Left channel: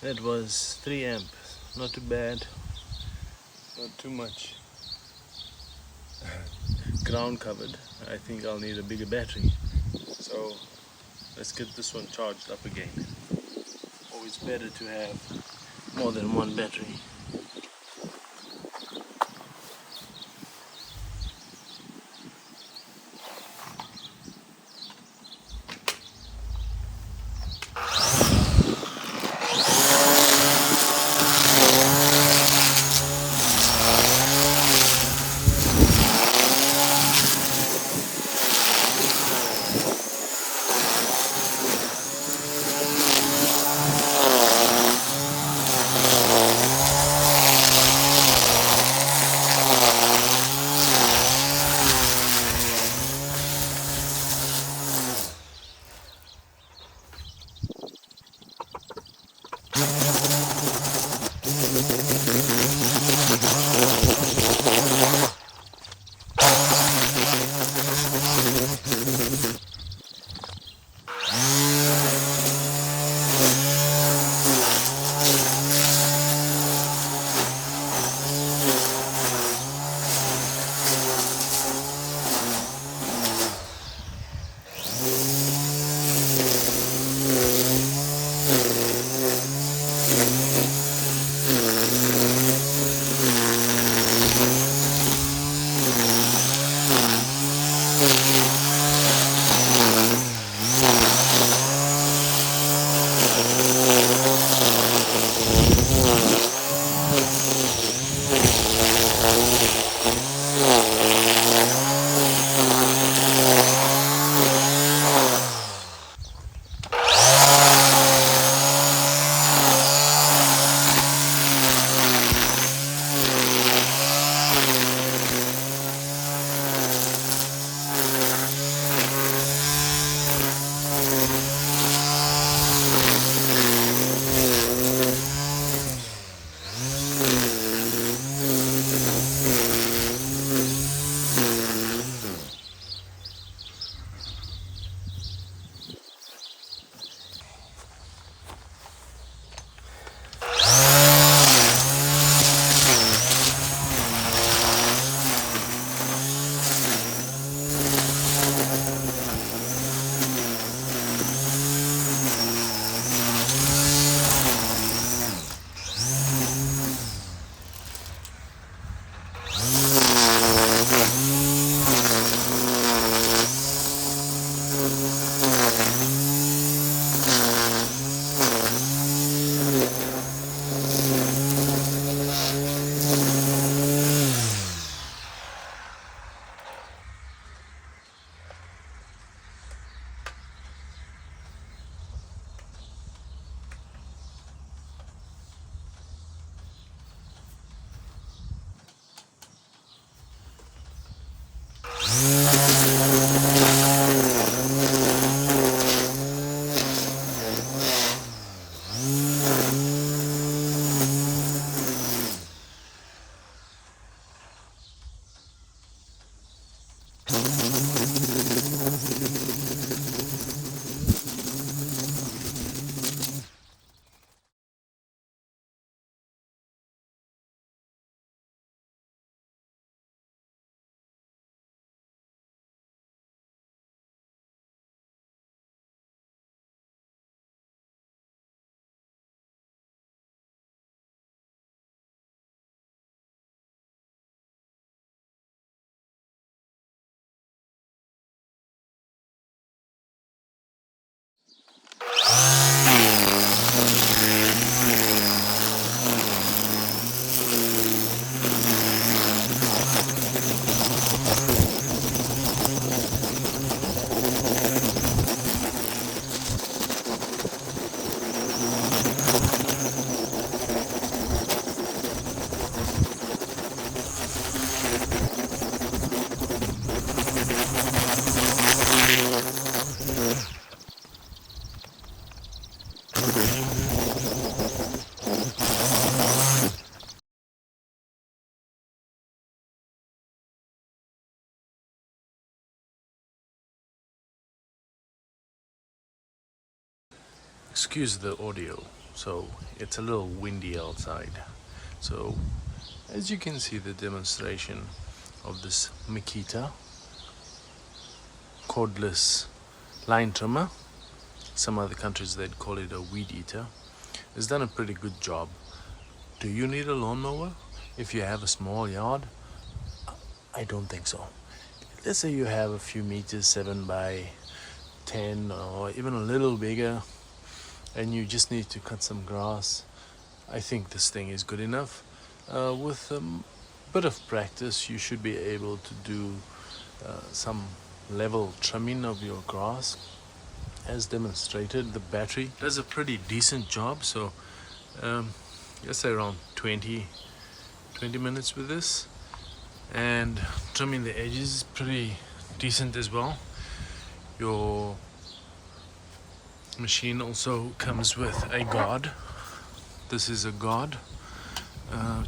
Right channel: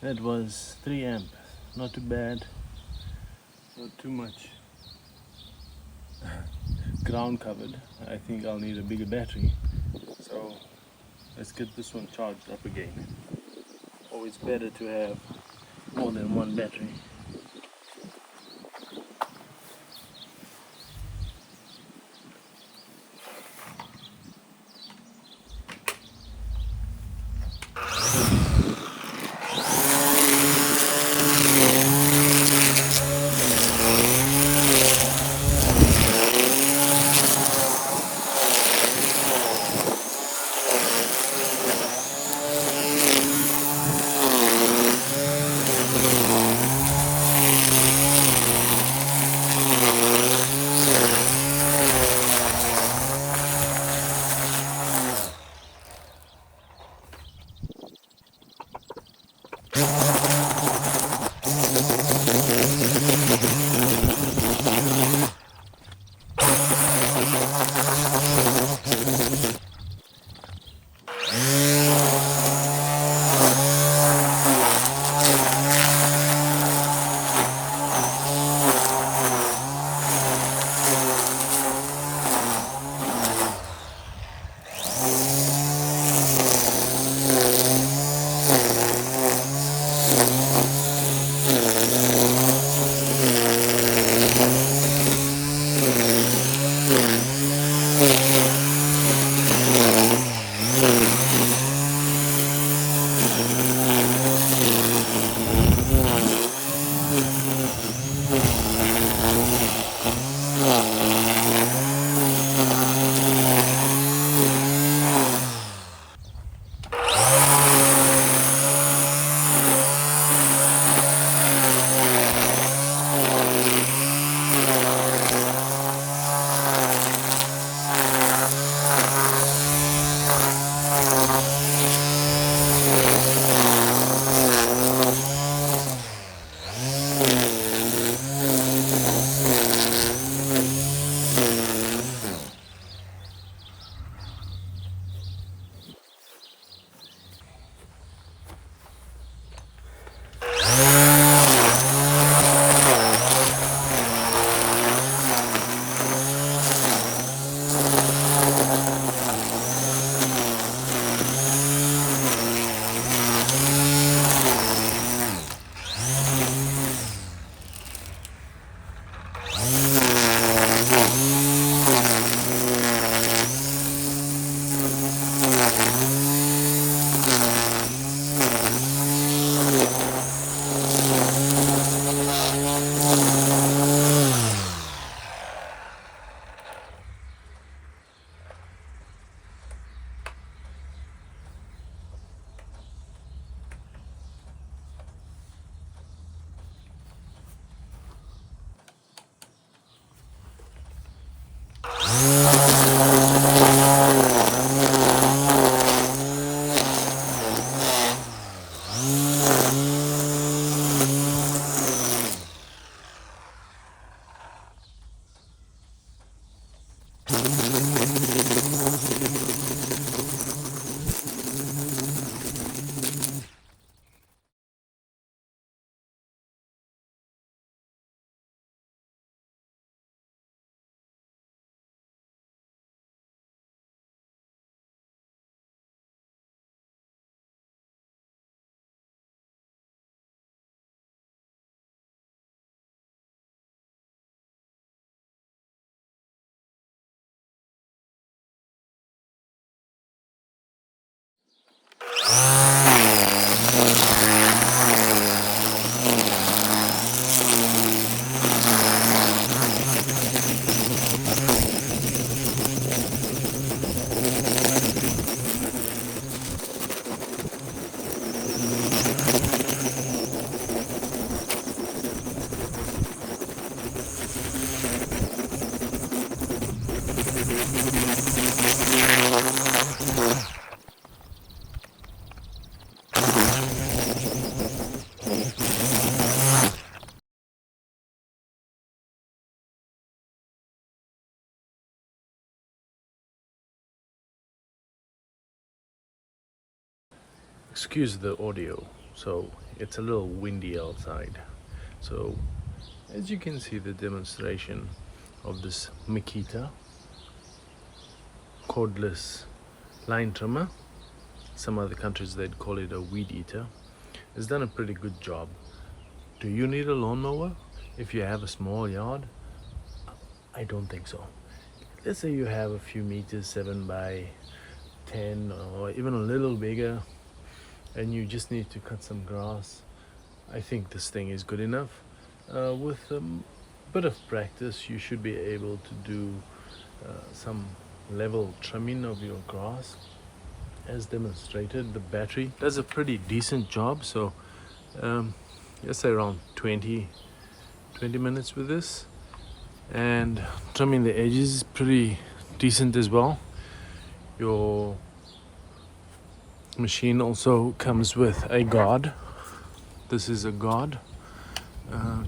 That was 3 amp. Not too bad, not too much ground covered. I think I'll need a bigger battery. So let's get this one charged up again. Always better to have more than one battery. Excuse the audio. so it's a little windy outside. So as you can see, the demonstration of this Makita cordless line trimmer, some other countries they'd call it a weed eater, has done a pretty good job. Do you need a lawnmower if you have a small yard? I don't think so. Let's say you have a few meters, 7 by 10 or even a little bigger, and you just need to cut some grass. I think this thing is good enough. With a bit of practice, you should be able to do some level trimming of your grass. As demonstrated, the battery does a pretty decent job. So let's say around 20 minutes with this, and trimming the edges is pretty decent as well. Your machine also comes with a guard. This is a guard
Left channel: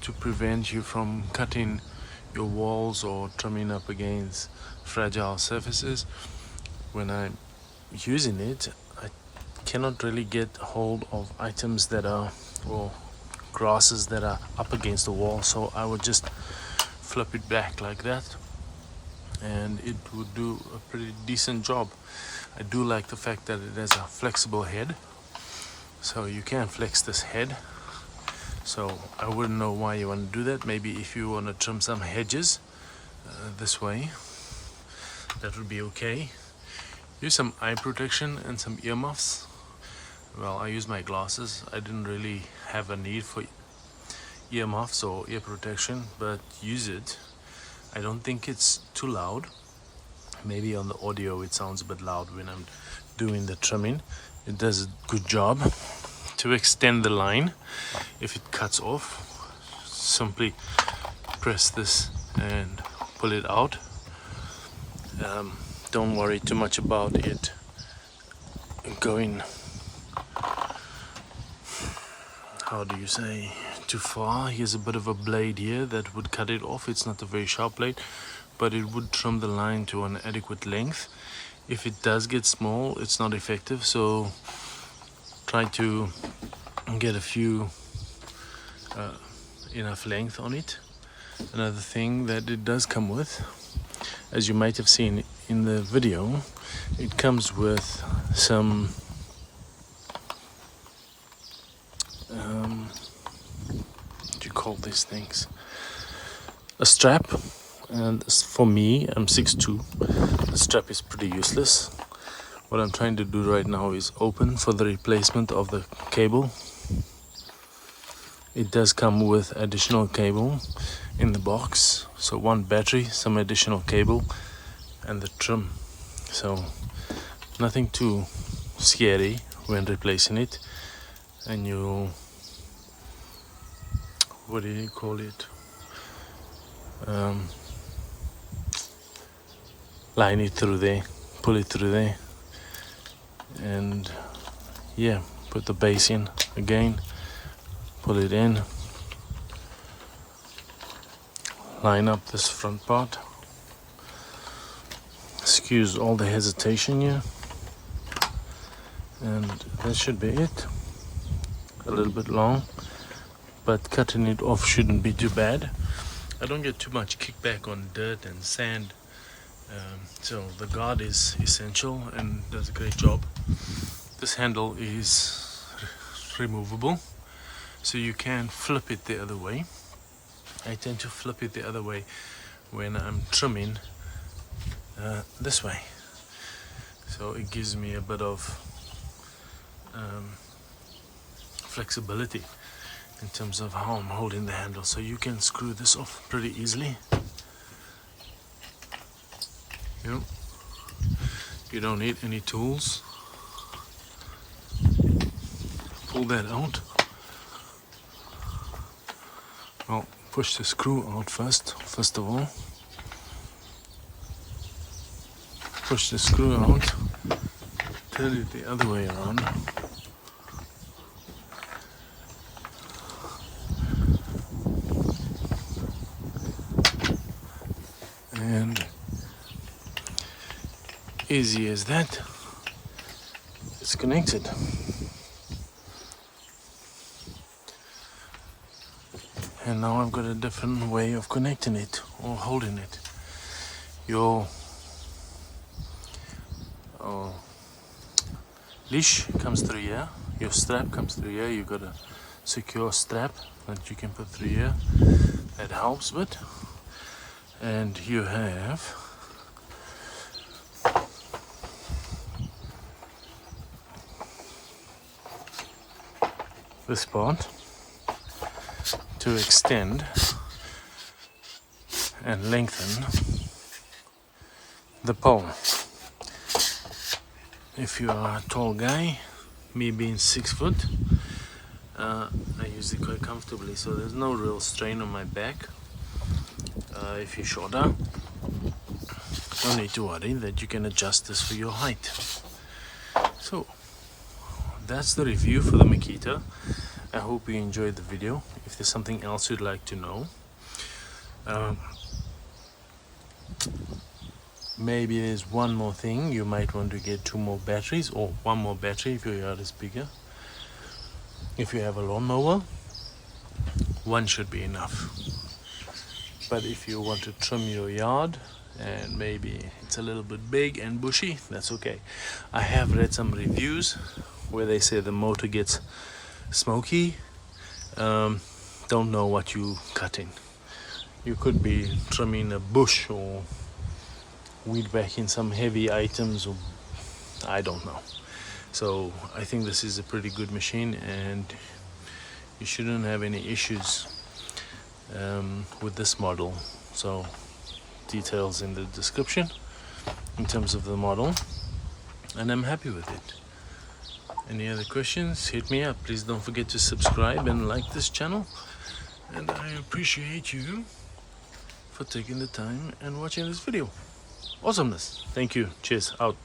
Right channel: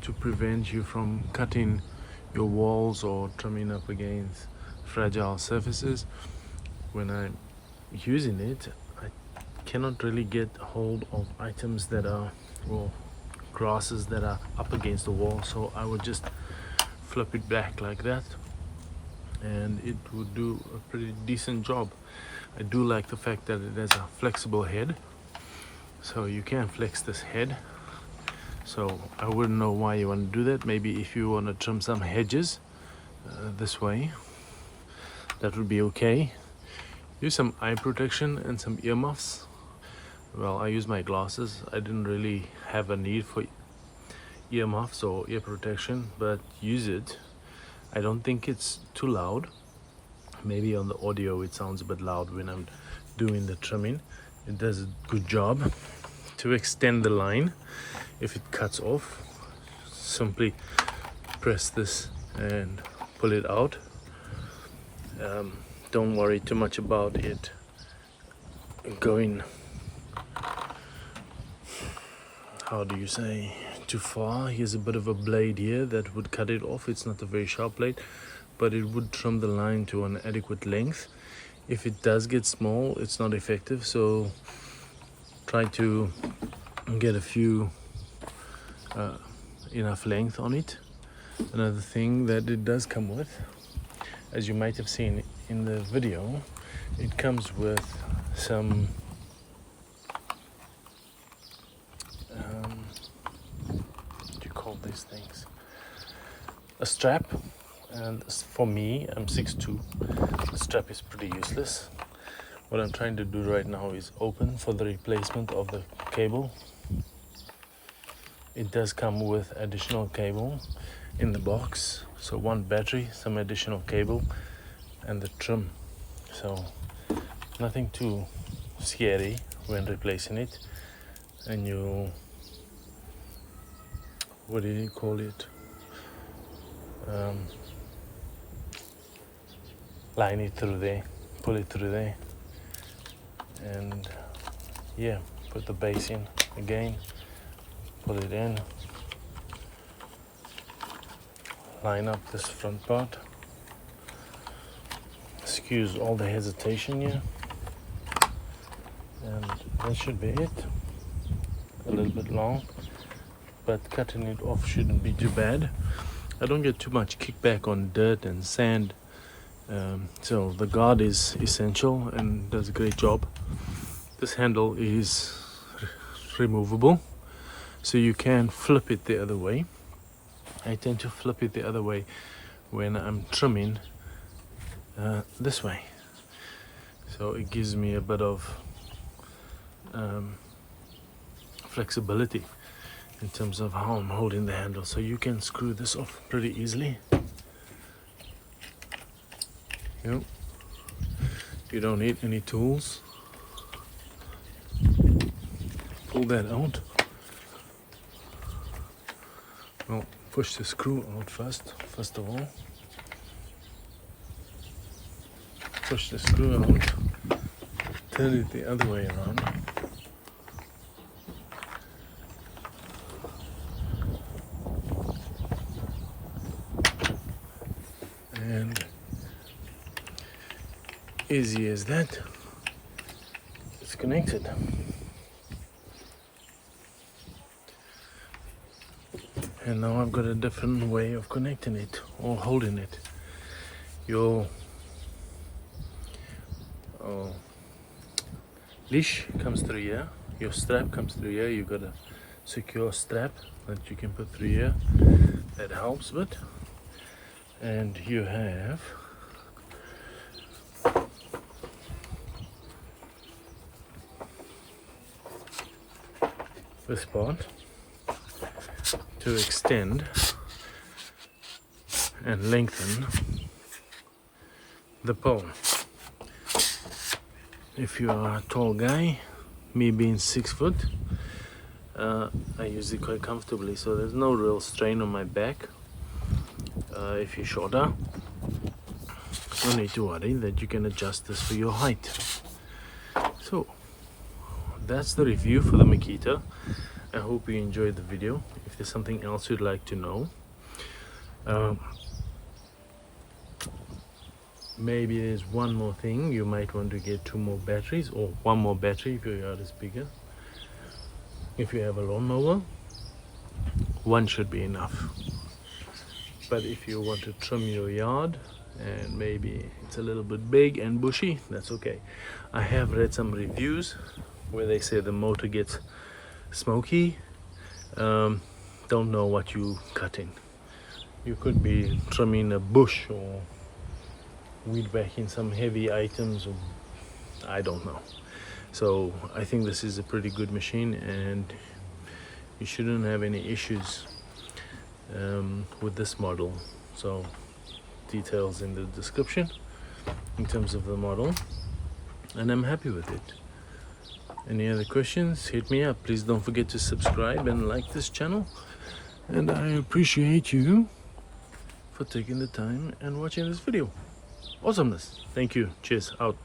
to prevent you from cutting your walls or trimming up against fragile surfaces. When I'm using it, I cannot really get hold of items that are, or grasses that are up against the wall, so I would just flip it back like that and it would do a pretty decent job. I do like the fact that it has a flexible head, so you can flex this head. So I wouldn't know why you want to do that. Maybe if you want to trim some hedges this way, that would be okay. Use some eye protection and some earmuffs. Well, I use my glasses. I didn't really have a need for earmuffs or ear protection, but use it. I don't think it's too loud. Maybe on the audio it sounds a bit loud when I'm doing the trimming. It does a good job. To extend the line, if it cuts off, simply press this and pull it out. Don't worry too much about it going, how do you say, too far. Here's a bit of a blade here that would cut it off. It's not a very sharp blade, but it would trim the line to an adequate length. If it does get small, it's not effective, so try to get a few enough length on it. Another thing that it does come with, as you might have seen in the video, it comes with some what do you call these things, a strap. And for me, I'm 6'2", the strap is pretty useless. What I'm trying to do right now is open for the replacement of the cable. It does come with additional cable in the box, so one battery, some additional cable, and the trim. So nothing too scary when replacing it. And you, what do you call it, line it through there, pull it through there, and yeah, put the base in again, pull it in, line up this front part. Excuse all the hesitation here, and that should be it. A little bit long, but cutting it off shouldn't be too bad. I don't get too much kickback on dirt and sand, so the guard is essential and does a great job. This handle is removable, so you can flip it the other way. I tend to flip it the other way when I'm trimming this way, so it gives me a bit of flexibility in terms of how I'm holding the handle. So you can screw this off pretty easily. You don't need any tools. Pull that out. Well, push the screw out first of all. Push the screw out, turn it the other way around. And easy as that, it's connected. And now I've got a different way of connecting it or holding it. Your leash comes through here, your strap comes through here. You've got a secure strap that you can put through here that helps with, and you have this part to extend and lengthen the pole. If you are a tall guy, me being 6 foot, I use it quite comfortably, so there's no real strain on my back. If you're shorter, no need to worry that you can adjust this for your height. So that's the review for the Makita. I hope you enjoyed the video. If there's something else you'd like to know, maybe there's one more thing. You might want to get 2 more batteries, or 1 more battery if your yard is bigger. If you have a lawnmower, 1 should be enough. But if you want to trim your yard and maybe it's a little bit big and bushy, that's okay. I have read some reviews where they say the motor gets smoky. Don't know what you cutting. You could be trimming a bush or weed whacking some heavy items, or I don't know. So I think this is a pretty good machine, and you shouldn't have any issues with this model. So details in the description in terms of the model, and I'm happy with it. Any other questions, hit me up. Please don't forget to subscribe and like this channel, and I appreciate you for taking the time and watching this video. Awesomeness. Thank you. Cheers. Out.